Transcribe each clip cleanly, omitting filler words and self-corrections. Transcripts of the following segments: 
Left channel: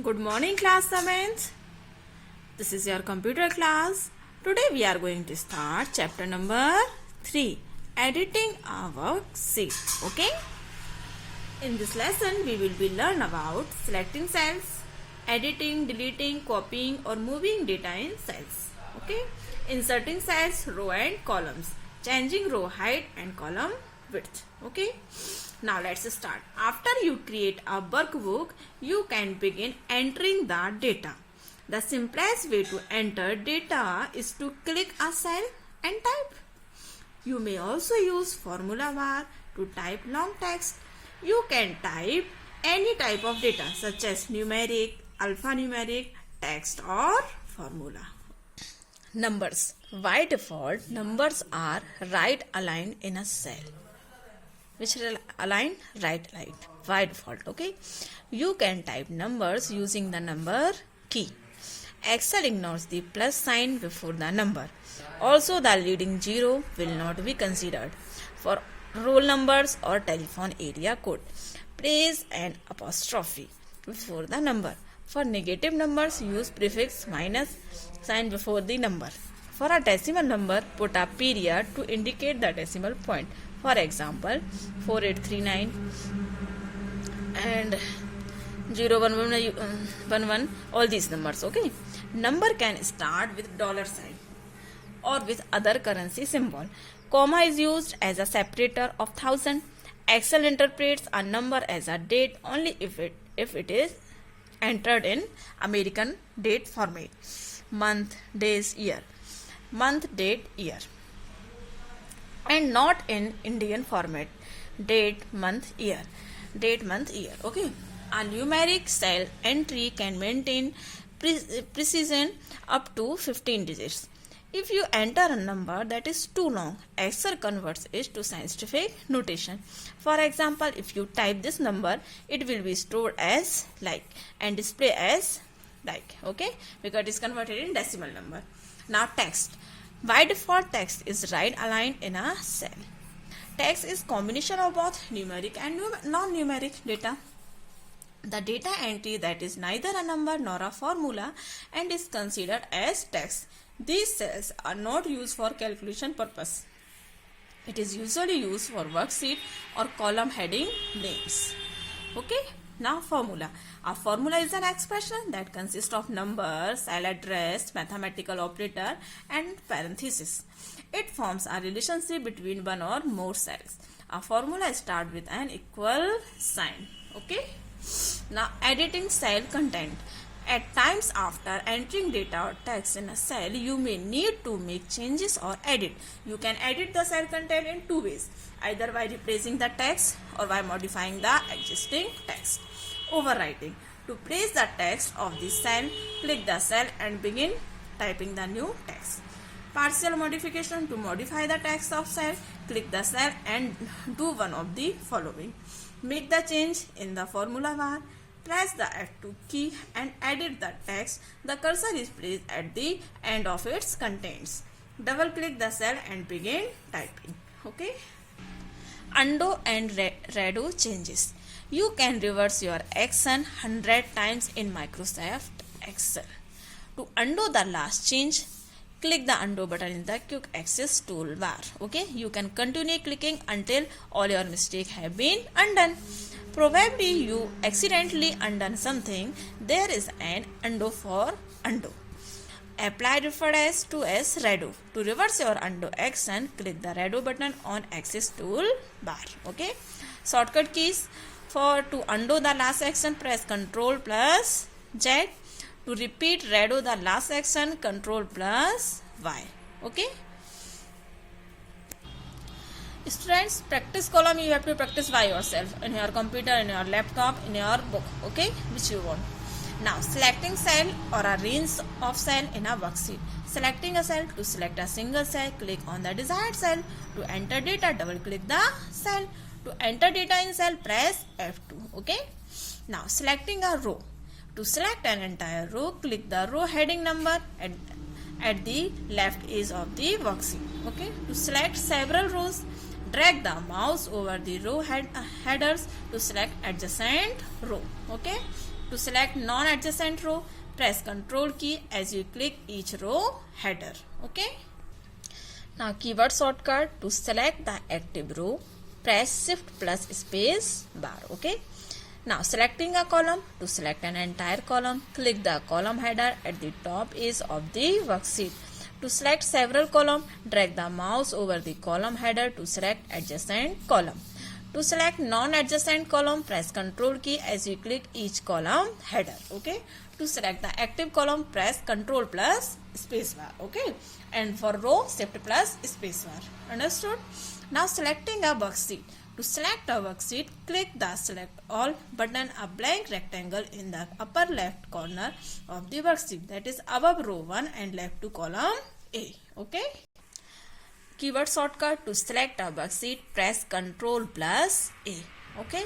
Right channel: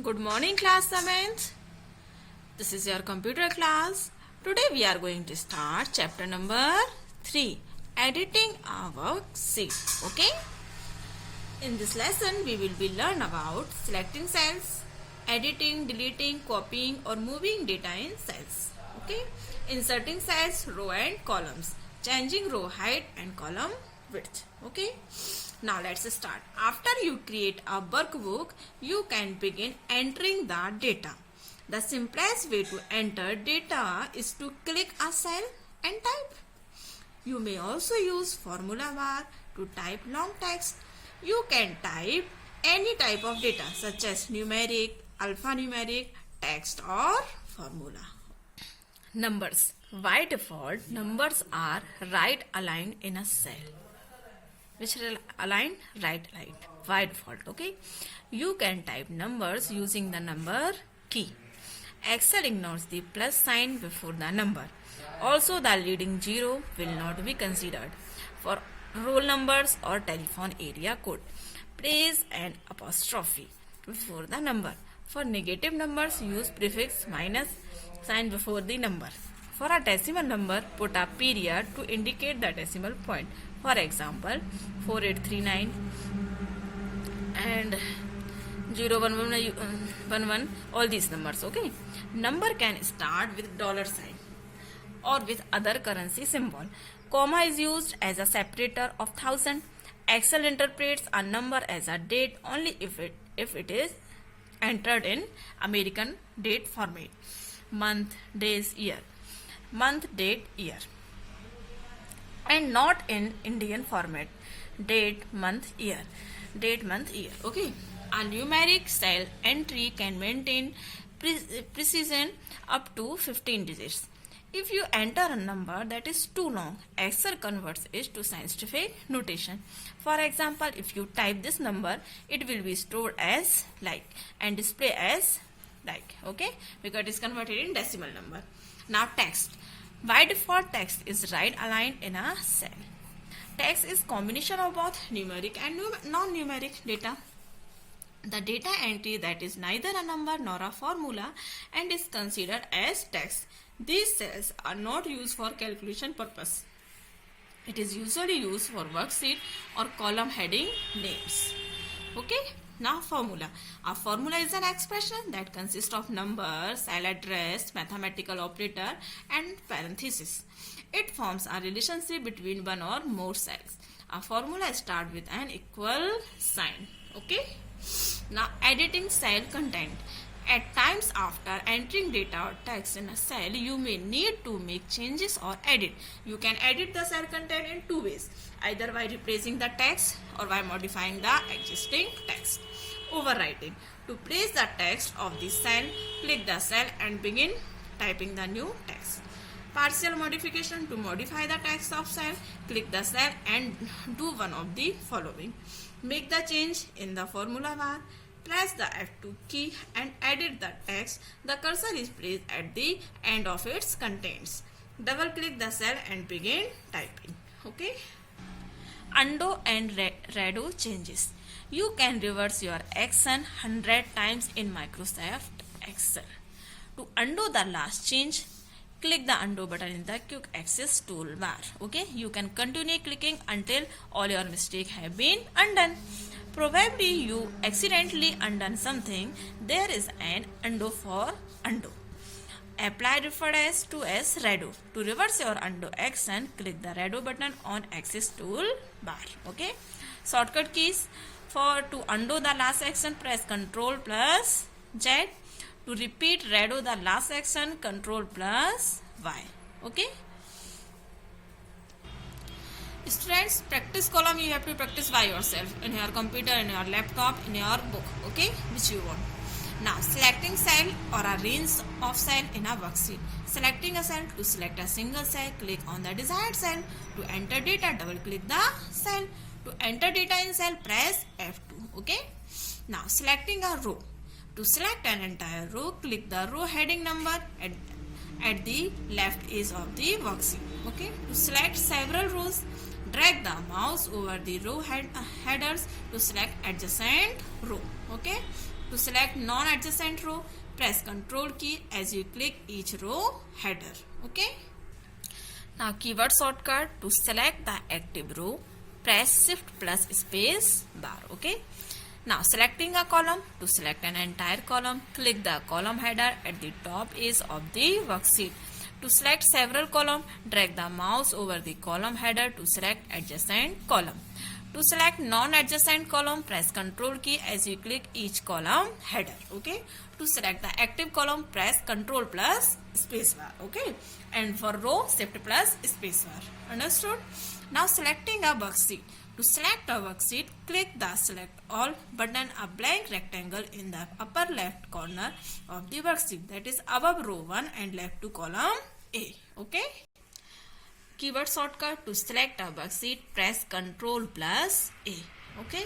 Good morning, class 7th. This is your computer class. Today we are going to start chapter number 3, editing a worksheet. Okay? In this lesson we will be learn about selecting cells, editing, deleting, copying or moving data in cells. Okay? Inserting cells, row and columns, changing row height and column width. Okay? Now let's start. After you create a workbook, you can begin entering the data. The simplest way to enter data is to click a cell and type. You may also use formula bar to type long text. You can type any type of data such as numeric, alphanumeric, text or formula. Numbers. By default, numbers are right aligned in a cell. Which align? Right aligned by default. Okay, you can type numbers using the number key. Excel ignores the plus sign before the number. Also, the leading 0 will not be considered. For roll numbers or telephone area code, place an apostrophe before the number. For negative numbers, use prefix minus sign before the number. For a decimal number, put a period to indicate the decimal point. For example, 4839 and 01111, all these numbers. Okay. Number can start with dollar sign or with other currency symbol. Comma is used as a separator of thousand. Excel interprets a number as a date only if it is entered in American date format. Month, days, year. Month, date, year. And not in Indian format. Date, month, year. Date, month, year. Okay. A numeric cell entry can maintain precision up to 15 digits. If you enter a number that is too long, Excel converts it to scientific notation. For example, if you type this number, it will be stored as like and display as like. Okay, because it is converted in decimal number. Now text. By default, text is right aligned in a cell. Text is combination of both numeric and non-numeric data. The data entry that is neither a number nor a formula and is considered as text. These cells are not used for calculation purpose. It is usually used for worksheet or column heading names. Okay. Now formula. A formula is an expression that consists of numbers, cell address, mathematical operator and parenthesis. It forms a relationship between one or more cells. A formula starts with an equal sign. Okay. Now editing cell content. At times after entering data or text in a cell, you may need to make changes or edit. You can edit the cell content in two ways, either by replacing the text or by modifying the existing text. Overwriting. To place the text of the cell, click the cell and begin typing the new text. Partial modification. To modify the text of cell, click the cell and do one of the following. Make the change in the formula bar. Press the F2 key and edit the text. The cursor is placed at the end of its contents. Double click the cell and begin typing. Okay. Undo and redo changes. You can reverse your action 100 times in Microsoft Excel. To undo the last change, click the undo button in the quick access toolbar. Okay. You can continue clicking until all your mistakes have been undone. Probably you accidentally undone something. There is an undo for undo. Apply referred as to as redo. To reverse your undo action, click the redo button on access toolbar. Okay. Shortcut keys. To undo the last action, press Ctrl plus Z. To repeat redo the last action, Ctrl plus Y. Okay. Students, practice column you have to practice by yourself in your computer, in your laptop, in your book, okay, which you want. Now, selecting cell or a range of cell in a worksheet. Selecting a cell. To select a single cell, click on the desired cell. To enter data, double click the cell. To enter data in cell, press F2, okay. Now, selecting a row. To select an entire row, click the row heading number at the left edge of the worksheet, okay. To select several rows, drag the mouse over the row headers to select adjacent row. Okay. To select non-adjacent row, press Ctrl key as you click each row header. Okay. Now keyword shortcut, to select the active row, press Shift plus space bar. Okay. Now selecting a column, to select an entire column, click the column header at the top edge of the worksheet. To select several columns, drag the mouse over the column header to select adjacent column. To select non-adjacent column, press Ctrl key as you click each column header. Okay. To select the active column, press Ctrl plus spacebar. Okay. And for row, Shift plus spacebar. Understood? Now selecting a worksheet. To select a worksheet, click the Select All button, a blank rectangle in the upper left corner of the worksheet, that is above row 1 and left to column A. Okay. Keyword shortcut, to select a worksheet, press Ctrl plus A. Okay.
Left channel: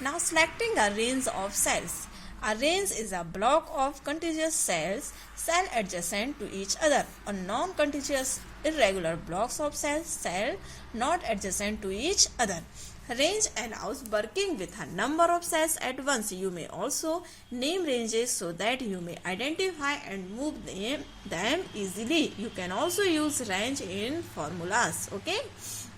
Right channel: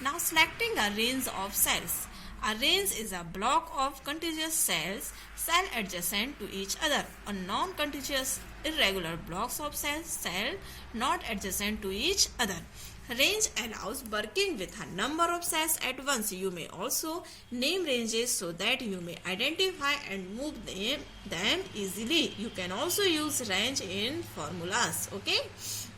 Now selecting a range of cells. A range is a block of contiguous cells, cell adjacent to each other, or non-contiguous irregular blocks of cells, cell not adjacent to each other. Range allows working with a number of cells at once. You may also name ranges so that you may identify and move them easily. You can also use range in formulas. Okay.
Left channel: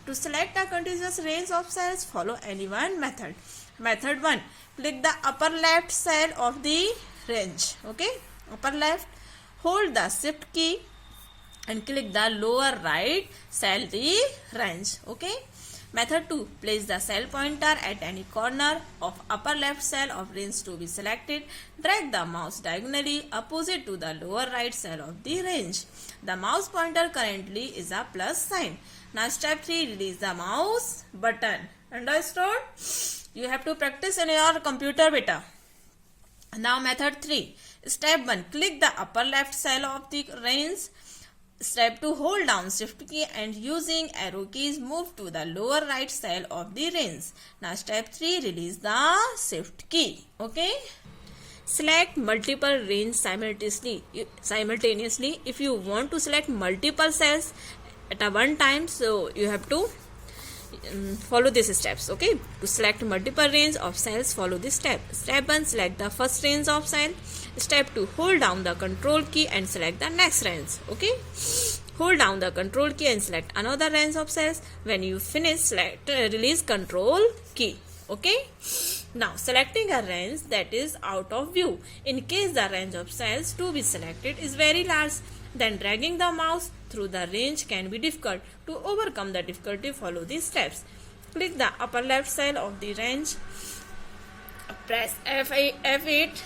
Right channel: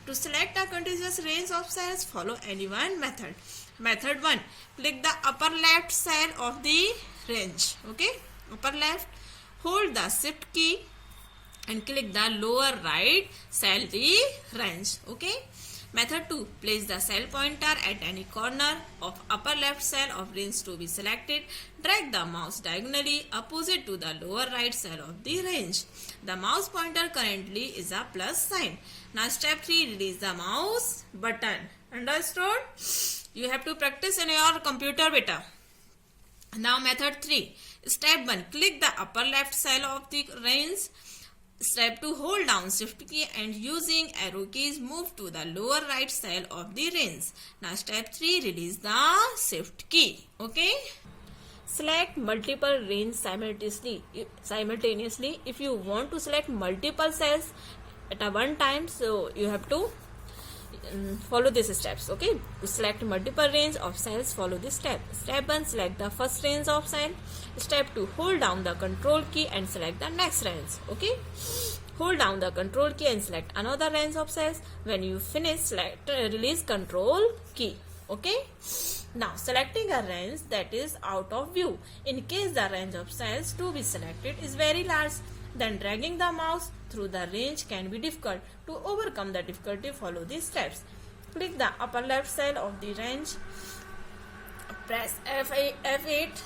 To select a contiguous range of cells, follow any one method. Method 1. Click the upper left cell of the range. Okay. Upper left. Hold the Shift key and click the lower right cell the range. Okay. Method 2. Place the cell pointer at any corner of upper left cell of range to be selected. Drag the mouse diagonally opposite to the lower right cell of the range. The mouse pointer currently is a plus sign. Now step 3. Release the mouse button. Understood? You have to practice in your computer beta. Now method 3. Step 1. Click the upper left cell of the range. Step 2. Hold down Shift key and using arrow keys move to the lower right cell of the range. Now step 3. Release the Shift key. Okay. Select multiple range simultaneously. If you want to select multiple cells at a one time, so you have to follow these steps. Okay. To select multiple range of cells, follow this step. Step 1. Select the first range of cell. Step 2. Hold down the Control key and select the next range. Okay. Hold down the Control key and select another range of cells. When you finish, release Control key. Okay. Now selecting a range that is out of view. In case the range of cells to be selected is very large, then dragging the mouse through the range can be difficult. To overcome the difficulty, follow these steps. Click the upper left cell of the range. Press F8.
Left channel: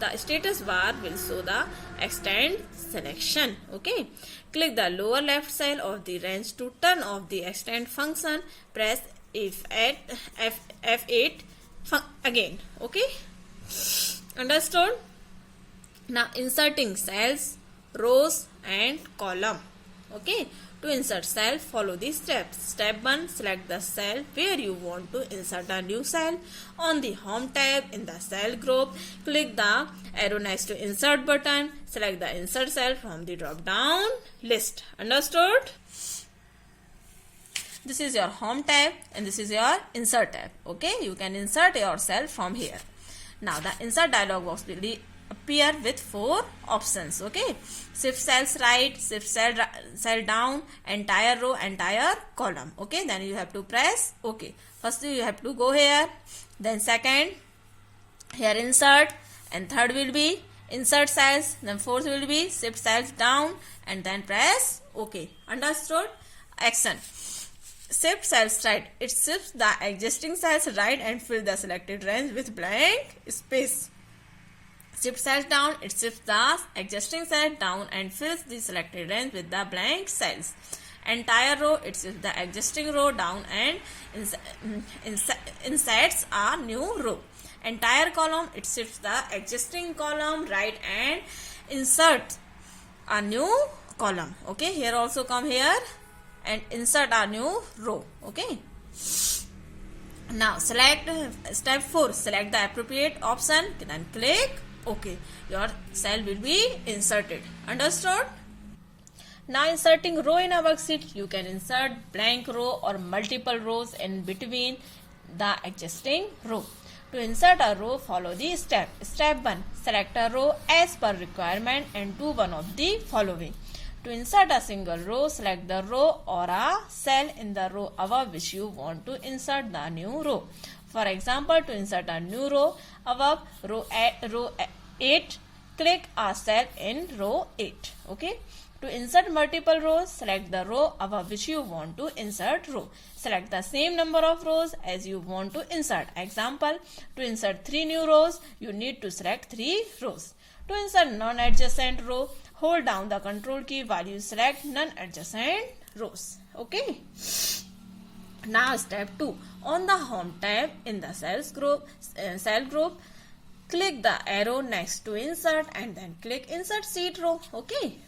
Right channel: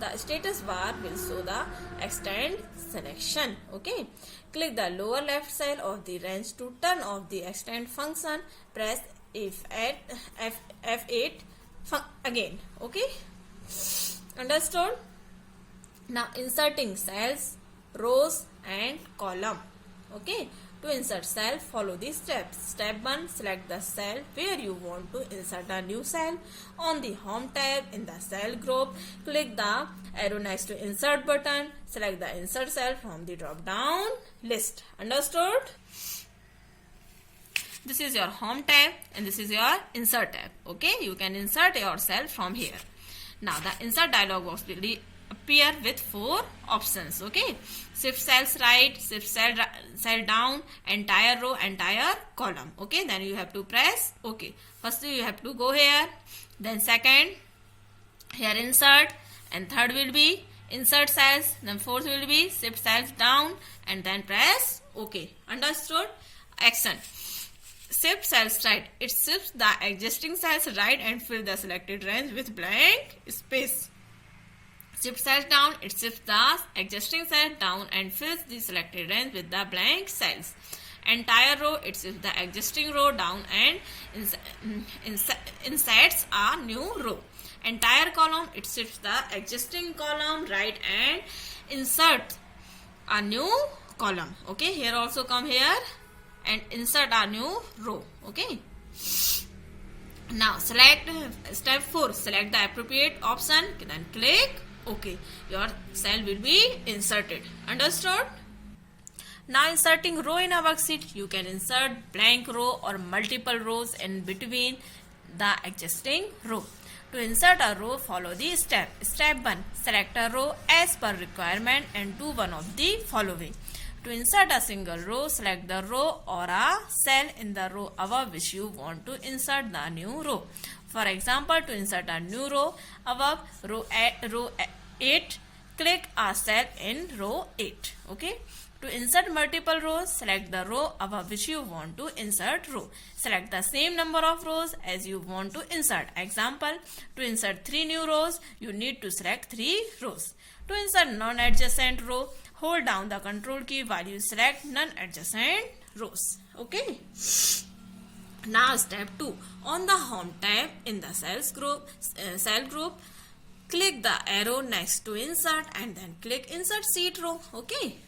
The status bar will show the extend selection. Okay. Click the lower left cell of the range to turn off the extend function. Press F8 again. Okay. Understood? Now inserting cells, rows and column. Okay. To insert cell, follow these steps. Step 1. Select the cell where you want to insert a new cell. On the Home tab in the cell group, click the arrow next to Insert button. Select the insert cell from the drop down list. Understood? This is your Home tab and this is your Insert tab. Okay, you can insert your cell from here. Now the Insert dialog box will appear with 4 options. Okay, shift cells right, shift cell down, entire row, entire column. Okay, then you have to press OK. First you have to go here, then second here insert, and third will be insert cells, then fourth will be shift cells down, and then press OK. Understood? Action. Shift cells right. It shifts the existing cells right and fill the selected range with blank space. Shift cells down, it shifts the existing cell down and fills the selected range with the blank cells. Entire row, it shifts the existing row down and inserts a new row. Entire column, it shifts the existing column right and inserts a new column. Okay, here also come here and insert a new row. Okay. Now select step 4. Select the appropriate option, then click OK. Your cell will be inserted. Understood? Now inserting row in a worksheet, you can insert blank row or multiple rows in between the existing row. To insert a row, follow the step. Step 1. Select a row as per requirement and do one of the following. To insert a single row, select the row or a cell in the row above which you want to insert the new row. For example, to insert a new row above row 8, click a cell in row 8. Okay. To insert multiple rows, select the row above which you want to insert row. Select the same number of rows as you want to insert. Example, to insert 3 new rows, you need to select 3 rows. To insert non-adjacent row, hold down the control key while you select non-adjacent rows. Okay. Now step 2. On the home tab in the cell group, click the arrow next to insert and then click insert sheet row. Okay.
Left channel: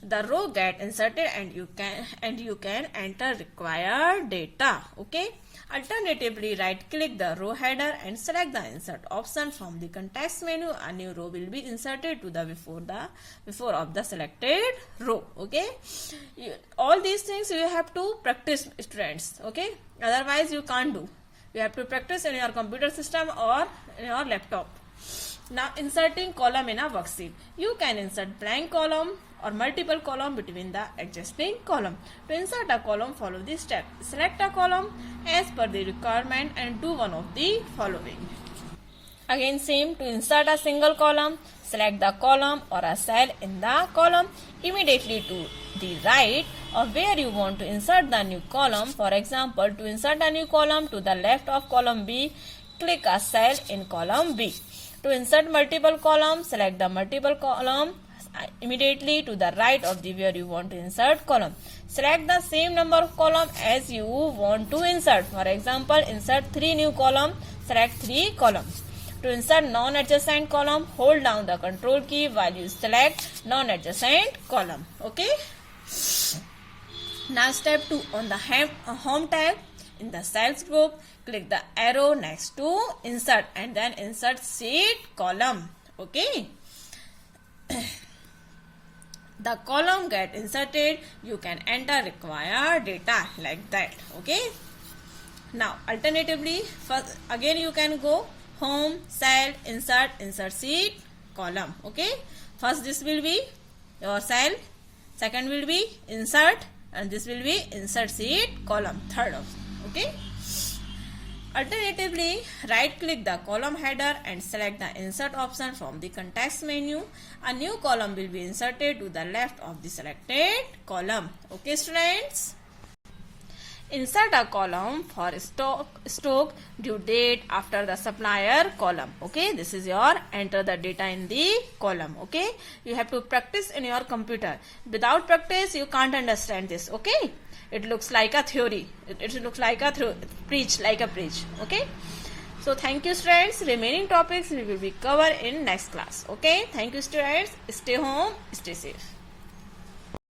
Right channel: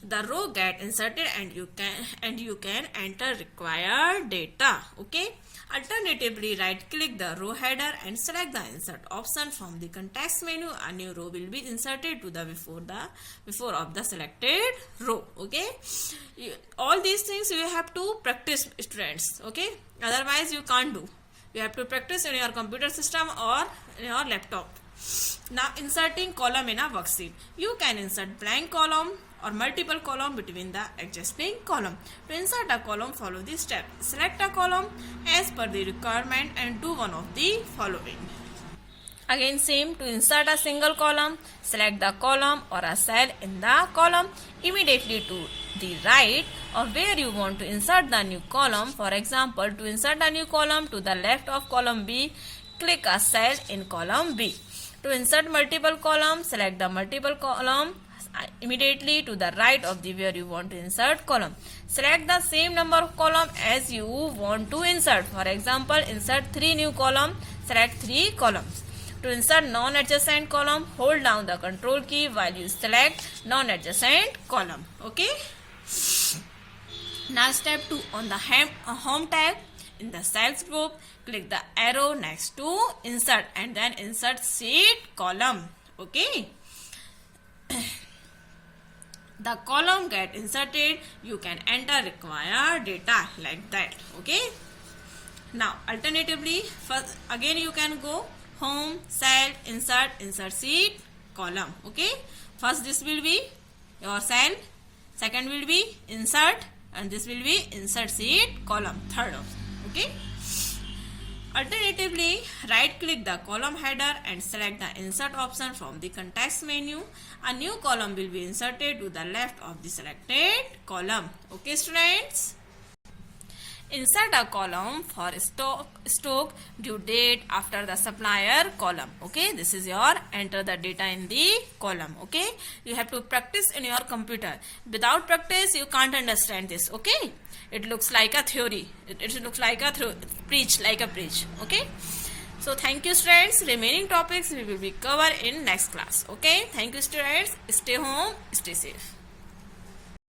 The row get inserted and you can enter required data. Okay. Alternatively, right click the row header and select the insert option from the context menu. A new row will be inserted to the before of the selected row. Okay. All these things you have to practice, students. Okay. Otherwise you can't do. You have to practice in your computer system or in your laptop. Now inserting column in a worksheet. You can insert blank column or multiple column between the adjacent column. To insert a column, follow this step. Select a column as per the requirement and do one of the following. Again same, to insert a single column, select the column or a cell in the column immediately to the right of where you want to insert the new column. For example, to insert a new column to the left of column B, click a cell in column B. To insert multiple columns, select the multiple column immediately to the right of the where you want to insert column. Select the same number of column as you want to insert. For example, insert 3 new columns, select 3 columns. To insert non-adjacent column, hold down the control key while you select non-adjacent column. Okay. Now step 2. On the home tab in the cells group, click the arrow next to insert and then insert sheet column. Okay. The column get inserted, you can enter required data like that. Okay. Now alternatively, first again you can go home, cell, insert sheet column. Okay. First this will be your cell, second will be insert, and this will be insert sheet column, third of. Okay. Alternatively, right click the column header and select the insert option from the context menu. A new column will be inserted to the left of the selected column. Okay, students? Insert a column for stock due date after the supplier column. Okay, this is your enter the data in the column. Okay, you have to practice in your computer. Without practice, you can't understand this. Okay, it looks like a theory. It looks like a preach. Okay, so thank you, students. Remaining topics we will be covered in next class. Okay, thank you, students. Stay home, stay safe.